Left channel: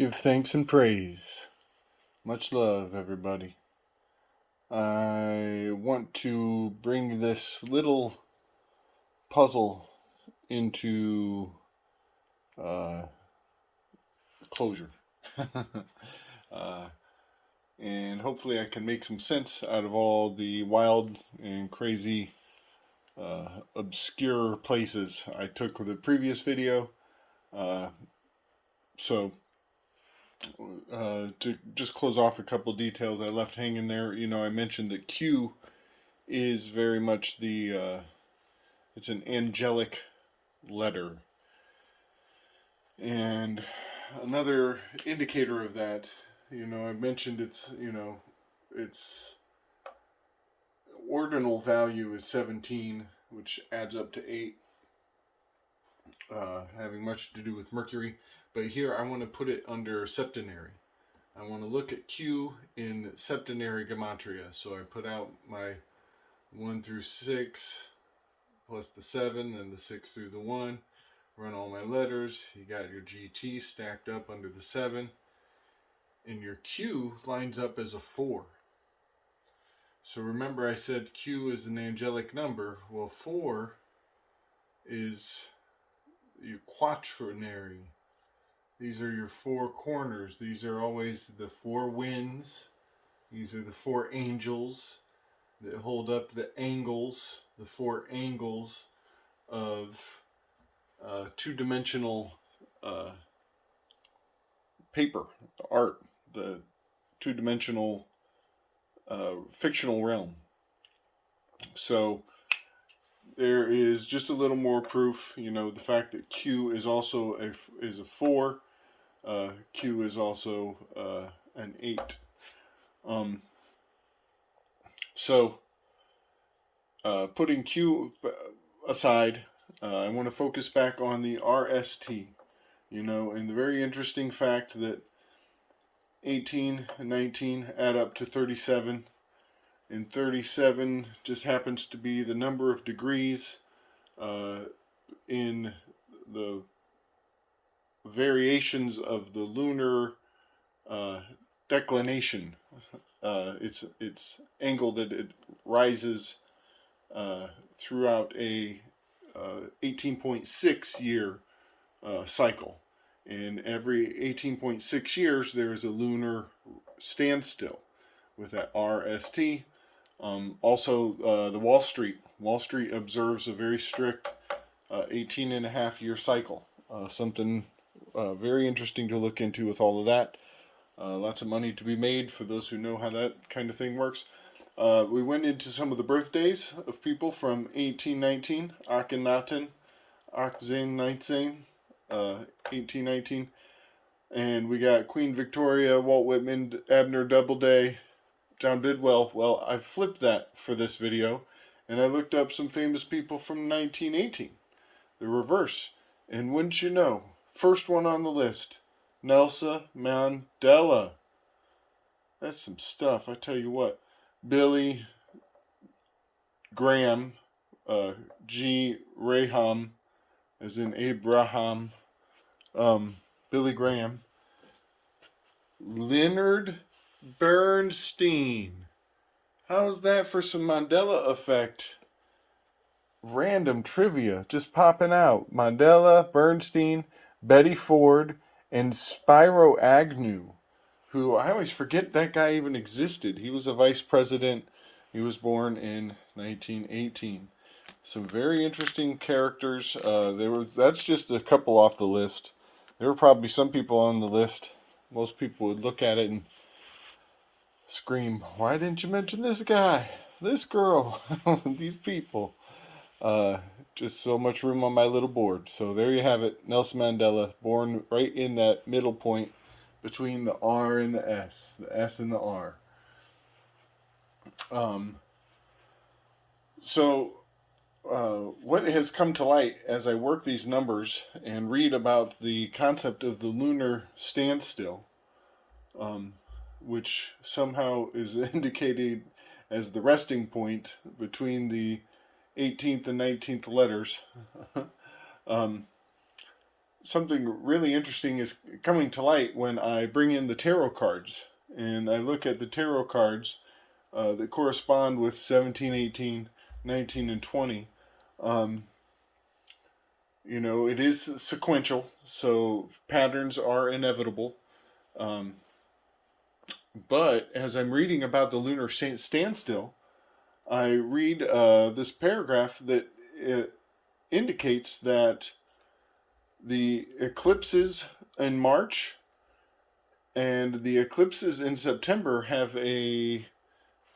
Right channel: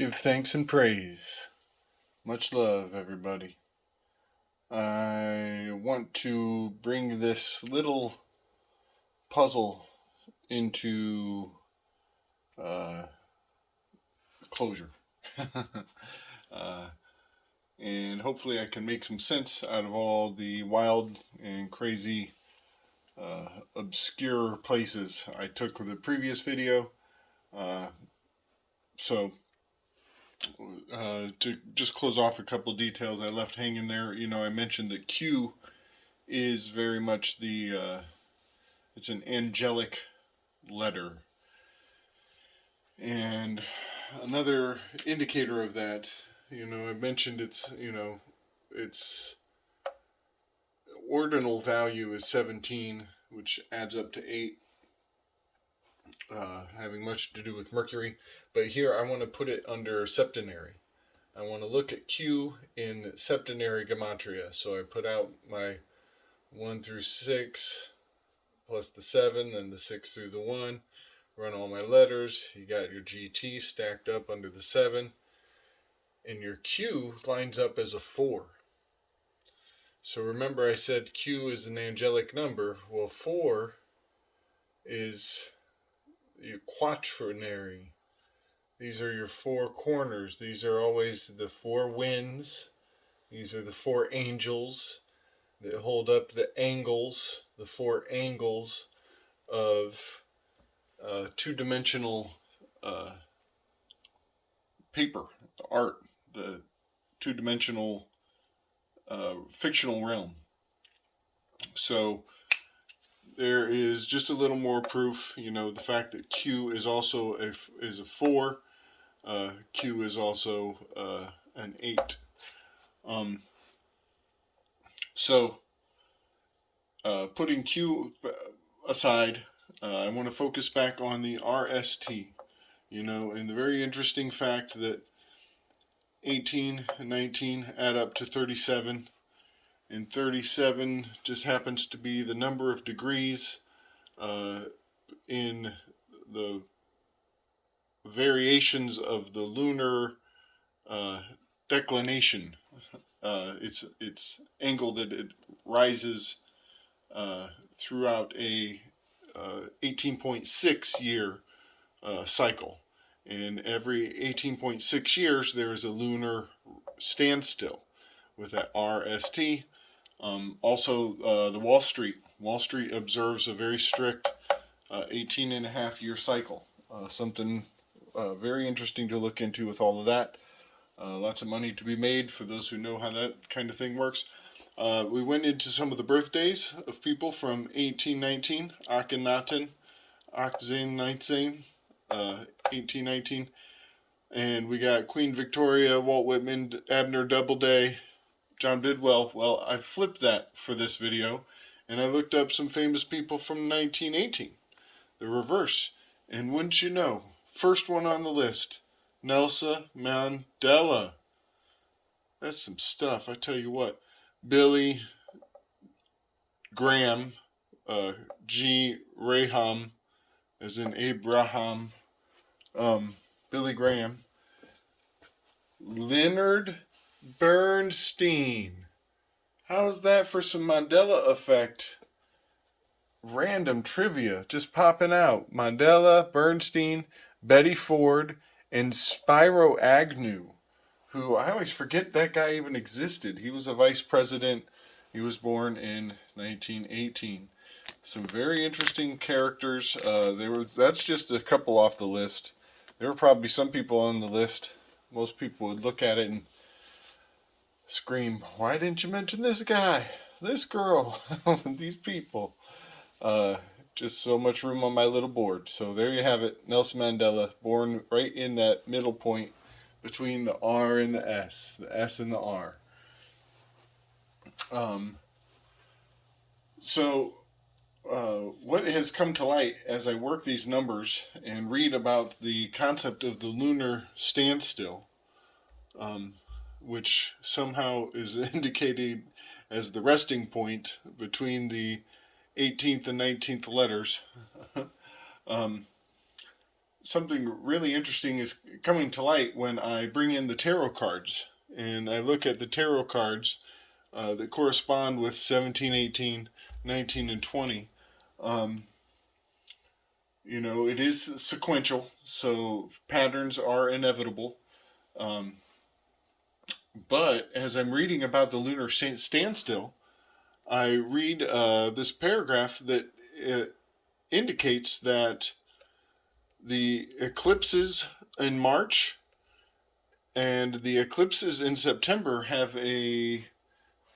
Give thanks and praise. Much love, everybody. I want to bring this little puzzle into closure. uh, and hopefully I can make some sense out of all the wild and crazy, obscure places I took with the previous video. So to just close off a couple details I left hanging there, I mentioned that Q is very much it's an angelic letter. And another indicator of that, I mentioned its ordinal value is 17, which adds up to 8, having much to do with Mercury. But here I want to put it under septenary. I want to look at Q in septenary gematria. So I put out my 1 through 6 plus the 7, then the 6 through the 1. Run all my letters. You got your GT stacked up under the 7. And your Q lines up as a 4. So remember I said Q is an angelic number. Well, 4 is your quaternary. These are your 4 corners. These are always the 4 winds. These are the 4 angels that hold up the angles, the 4 angles of two-dimensional paper, art, the two-dimensional fictional realm. So there is just a little more proof, the fact that Q is also a 4. Q is also an 8. So putting Q aside, I want to focus back on the RST, and the very interesting fact that 18 and 19 add up to 37, and 37 just happens to be the number of degrees in the variations of the lunar declination. It's angle that it rises throughout a 18.6 year cycle. And every 18.6 years, there is a lunar standstill with that RST. Also, the Wall Street observes a very strict 18 and a half year cycle. Something very interesting to look into with all of that. Lots of money to be made for those who know how that kind of thing works. We went into some of the birthdays of people from 1819, Akhenaten, Akhenaten, 1819, and we got Queen Victoria, Walt Whitman, Abner Doubleday, John Bidwell. Well, I flipped that for this video, and I looked up some famous people from 1918, the reverse. And wouldn't you know, first one on the list, Nelson Mandela. That's some stuff, I tell you what. Billy Graham, G. Raham, as in Abraham, Billy Graham. Leonard Bernstein. How's that for some Mandela effect? Random trivia just popping out. Mandela, Bernstein, Betty Ford, and Spiro Agnew, who I always forget that guy even existed. He was a vice president. He was born in 1918. Some very interesting characters. That's just a couple off the list. There were probably some people on the list. Most people would look at it and scream, "Why didn't you mention this guy, this girl, these people?" Just so much room on my little board. So there you have it. Nelson Mandela, born right in that middle point between the R and the S and the R. What has come to light as I work these numbers and read about the concept of the lunar standstill, which somehow is indicated as the resting point between the 18th and 19th letters, something really interesting is coming to light when I bring in the tarot cards and I look at the tarot cards that correspond with 17, 18, 19, and 20. Um, it is sequential, so patterns are inevitable. Um, but as I'm reading about the lunar standstill, I read this paragraph that indicates that the eclipses in March and the eclipses in September have a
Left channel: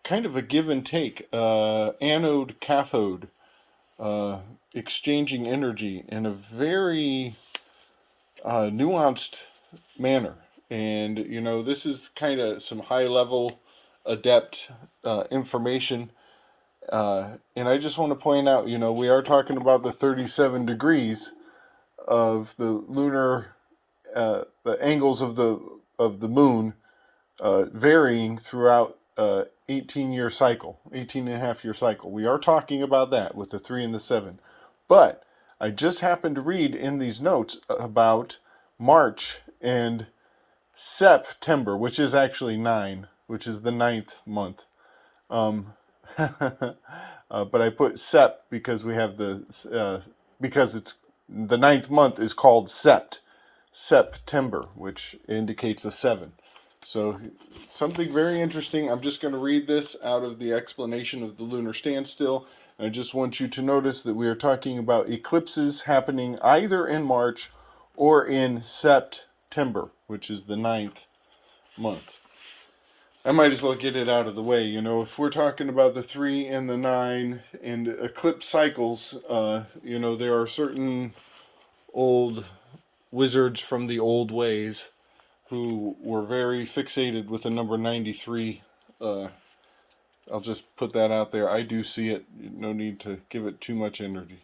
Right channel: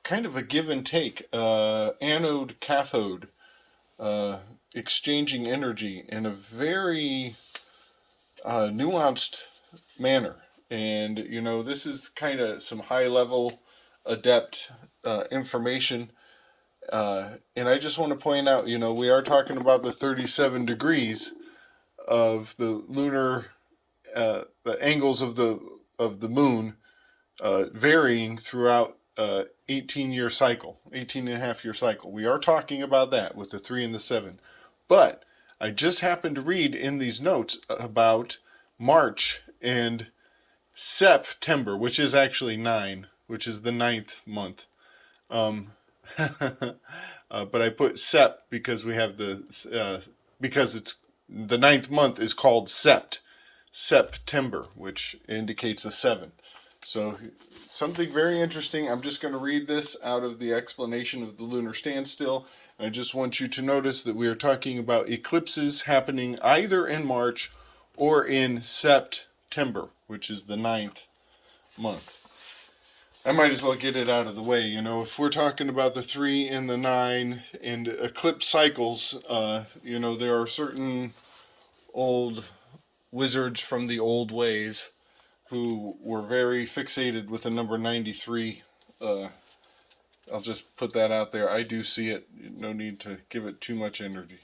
kind of a give and take, anode cathode, uh, exchanging energy in a very nuanced manner. And, this is kind of some high level adept information. And I just want to point out, we are talking about the 37 degrees of the lunar, the angles of the moon varying throughout 18-year cycle, 18 and a half year cycle. We are talking about that with the 3 and the 7. But I just happened to read in these notes about March and September, which is actually 9, which is the ninth month. But I put Sep because we have because it's the ninth month is called September, which indicates a 7. So something very interesting. I'm just going to read this out of the explanation of the lunar standstill. I just want you to notice that we are talking about eclipses happening either in March or in September, which is the ninth month. I might as well get it out of the way. If we're talking about the 3 and the 9 and eclipse cycles, there are certain old wizards from the old ways who were very fixated with the number 93. I'll just put that out there. I do see it. No need to give it too much energy.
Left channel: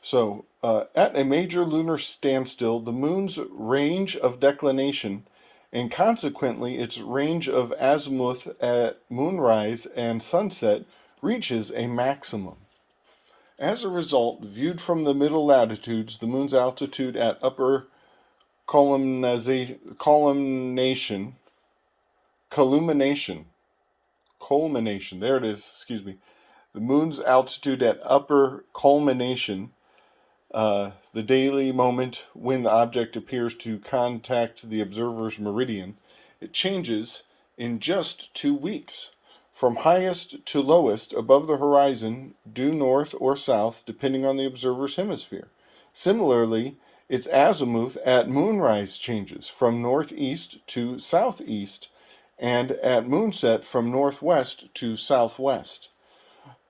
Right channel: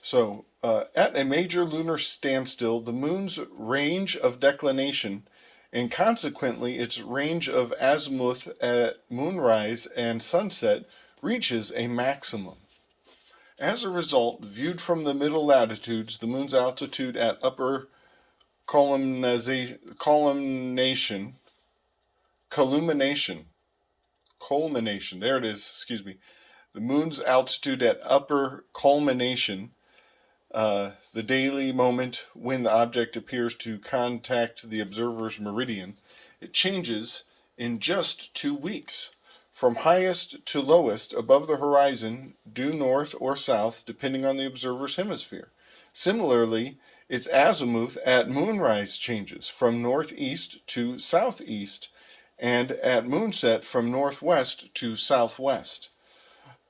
So, at a major lunar standstill, the moon's range of declination and consequently its range of azimuth at moonrise and sunset reaches a maximum. As a result, viewed from the middle latitudes, the moon's altitude at upper culmination, there it is, excuse me. The moon's altitude at upper culmination, the daily moment when the object appears to contact the observer's meridian, it changes in just 2 weeks, from highest to lowest above the horizon, due north or south, depending on the observer's hemisphere. Similarly, its azimuth at moonrise changes from northeast to southeast, and at moonset from northwest to southwest.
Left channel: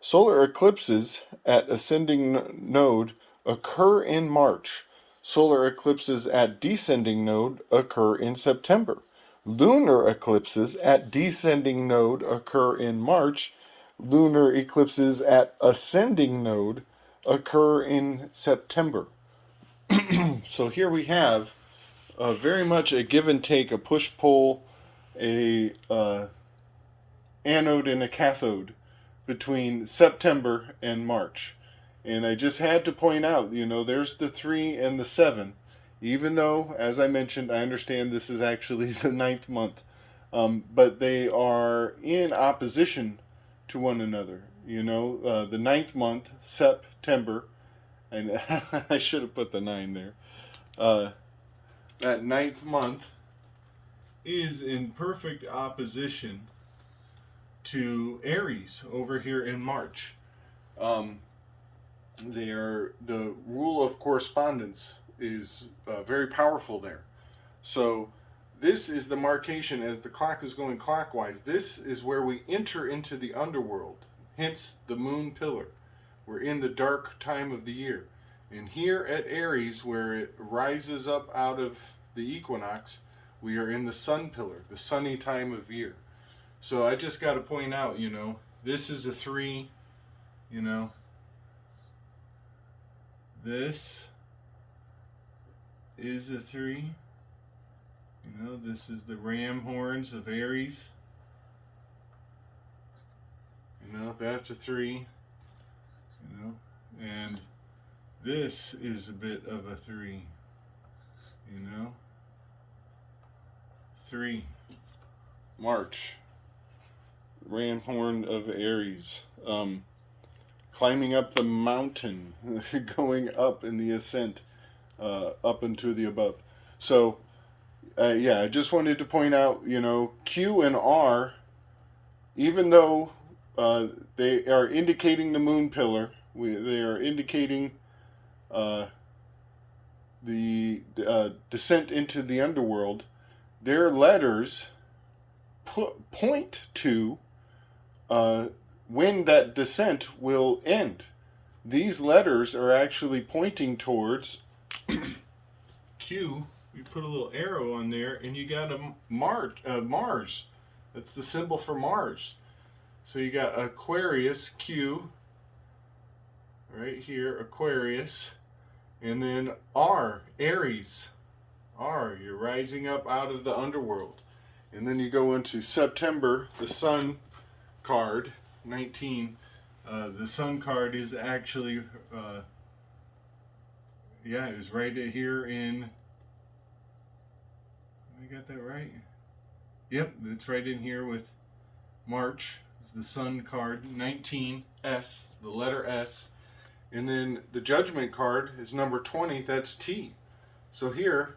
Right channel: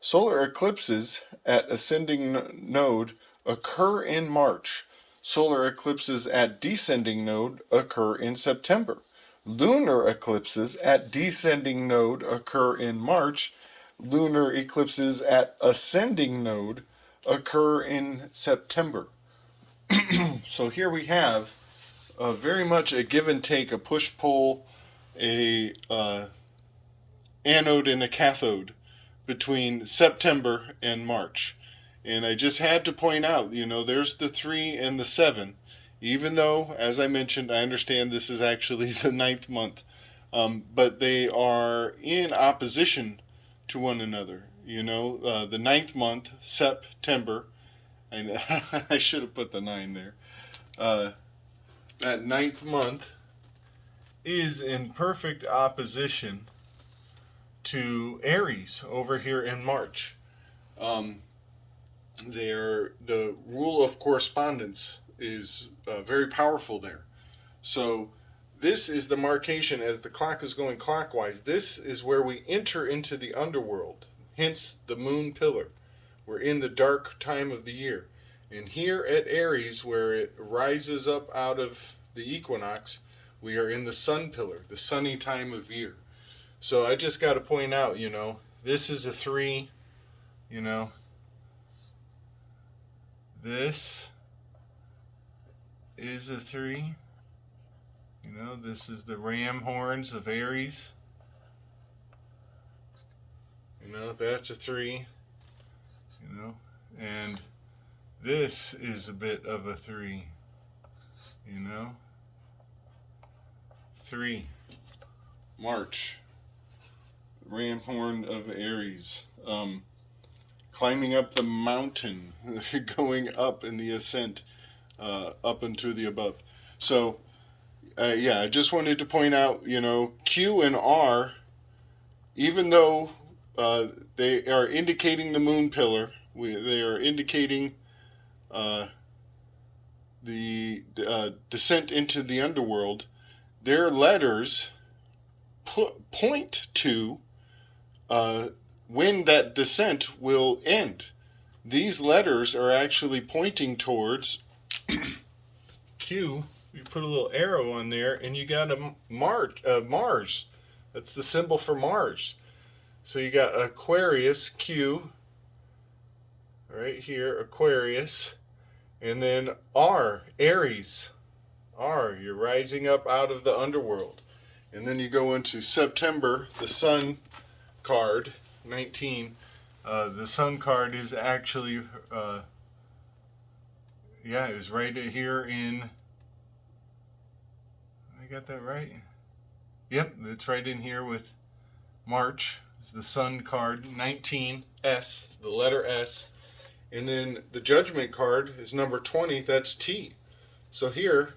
Solar eclipses at ascending node occur in March. Solar eclipses at descending node occur in September. Lunar eclipses at descending node occur in March. Lunar eclipses at ascending node occur in September. So here we have very much a give and take, a push-pull, a anode and a cathode between September and March. And I just had to point out, there's the 3 and the 7. Even though, as I mentioned, I understand this is actually the ninth month. But they are in opposition to one another. The ninth month, September, and I should have put the 9 there. That ninth month is in perfect opposition to Aries over here in March. The rule of correspondence is very powerful there. So this is the marcation as the clock is going clockwise. This is where we enter into the underworld, hence the moon pillar. We're in the dark time of the year. And here at Aries, where it rises up out of the equinox, we are in the sun pillar, the sunny time of year. So I just got to point out, this is a 3, this is a 3, this is the ram horns of Aries, that's a 3, and this is a bit of a 3. You know? 3. March. Ram horn of Aries. Climbing up the mountain, going up in the ascent, up into the above. So, yeah, I just wanted to point out, Q and R, even though they are indicating the moon pillar, they are indicating the descent into the underworld, their letters point to when that descent will end. These letters are actually pointing towards Q. You put a little arrow on there, and you got a Mars. That's the symbol for Mars. So you got Aquarius, Q, right here, Aquarius, and then R, Aries. R, you're rising up out of the underworld. And then you go into September, the Sun card, 19. The Sun card is actually, it was right here in, I got that right? Yep, it's right in here with March. It's the Sun card, 19, S, the letter S. And then the Judgment card is number 20, that's T. So here,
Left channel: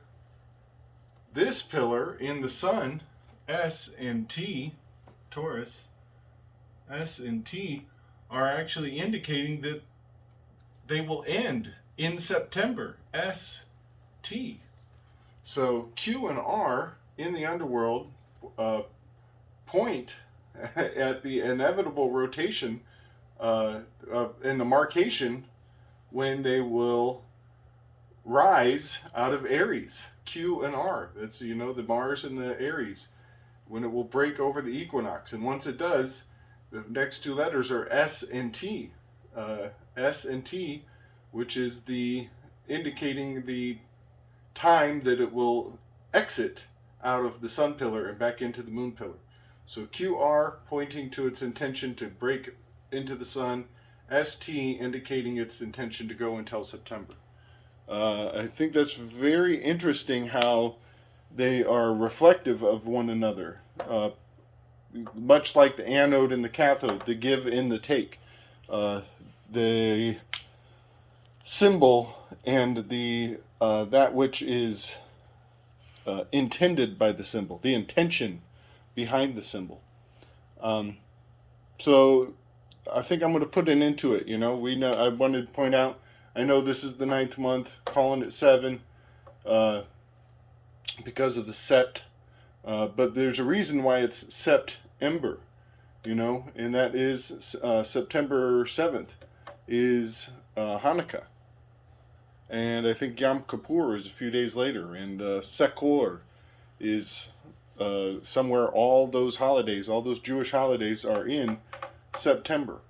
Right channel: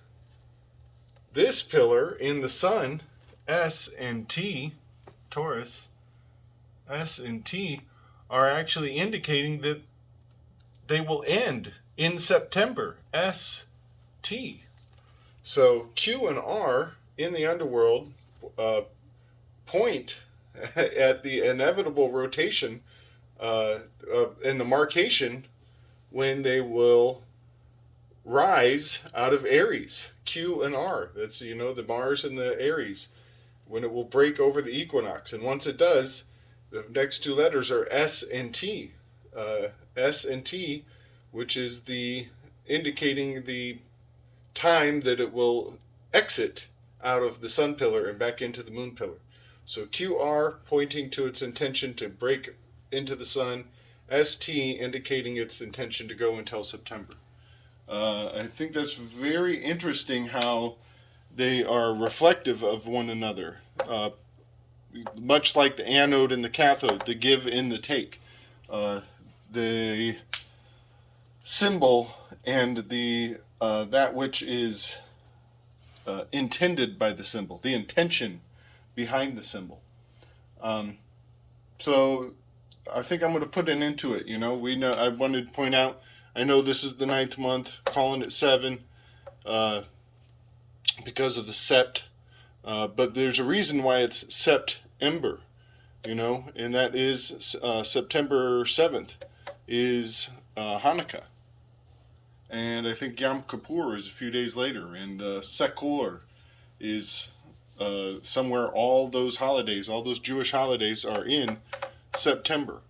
this pillar in the Sun, S and T, Taurus, S and T, are actually indicating that they will end in September, S, T. So Q and R in the underworld point at the inevitable rotation in the markation when they will rise out of Aries. Q and R, that's the Mars and the Aries, when it will break over the equinox. And once it does, the next 2 letters are S and T. S and T, which is indicating the time that it will exit out of the Sun pillar and back into the Moon pillar. So QR pointing to its intention to break into the Sun, ST indicating its intention to go until September. I think that's very interesting how they are reflective of one another. Much like the anode and the cathode, the give and the take. The symbol and the that which is intended by the symbol, the intention behind the symbol. So I think I'm going to put an end to it. I wanted to point out, I know this is the 9th month, calling it 7 because of the sept, but there's a reason why it's September, and that is September 7th is Hanukkah. And I think Yom Kippur is a few days later, and Sekor is somewhere. All those holidays, all those Jewish holidays are in September.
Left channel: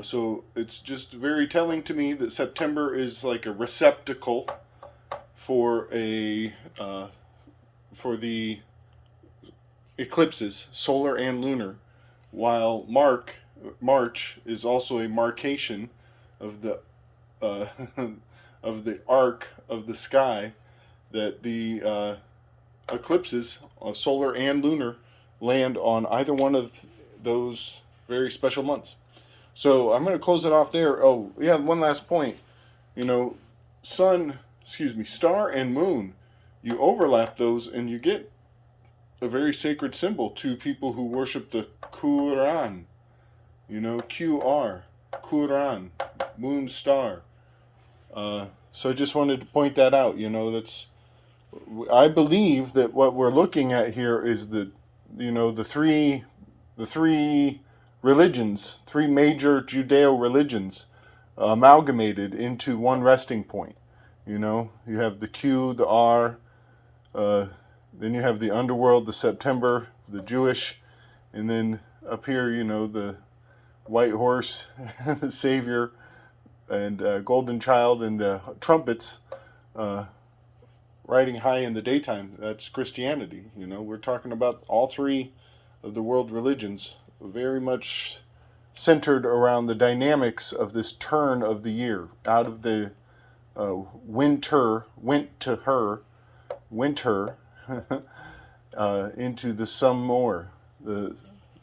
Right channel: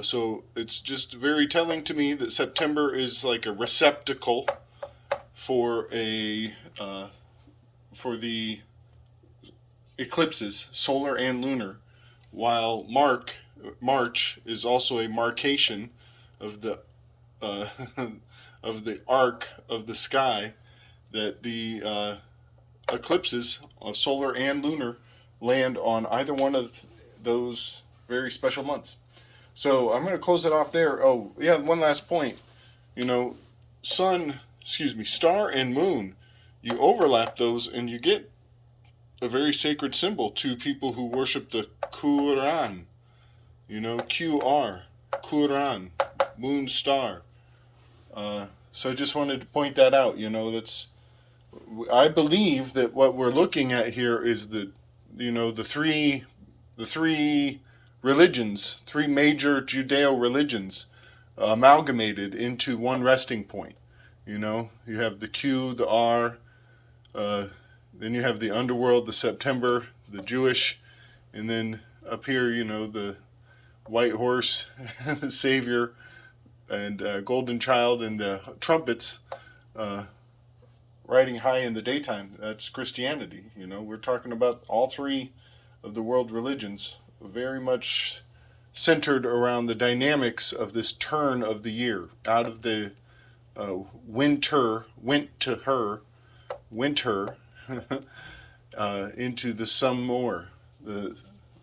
So it's just very telling to me that September is like a receptacle for for the eclipses, solar and lunar, while March is also a marcation of the of the arc of the sky that the eclipses, solar and lunar, land on either one of those very special months. So I'm going to close it off there. Oh, yeah, one last point. Star and moon, you overlap those and you get a very sacred symbol to people who worship the Quran. QR, Quran, moon, star. So I just wanted to point that out. I believe that what we're looking at here is the three religions, 3 major Judeo religions, amalgamated into one resting point. You have the Q, the R, then you have the underworld, the September, the Jewish, and then up here, the white horse, the Savior, and golden child, and the trumpets riding high in the daytime. That's Christianity. We're talking about all 3 of the world religions, very much centered around the dynamics of this turn of the year, out of the winter, went to her, winter into the summer, the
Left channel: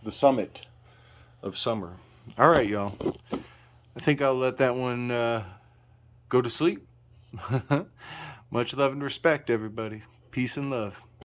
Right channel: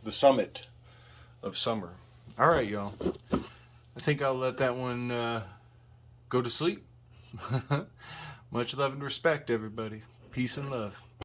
summit of summer. All right, y'all. I think I'll let that one go to sleep. Much love and respect, everybody. Peace and love.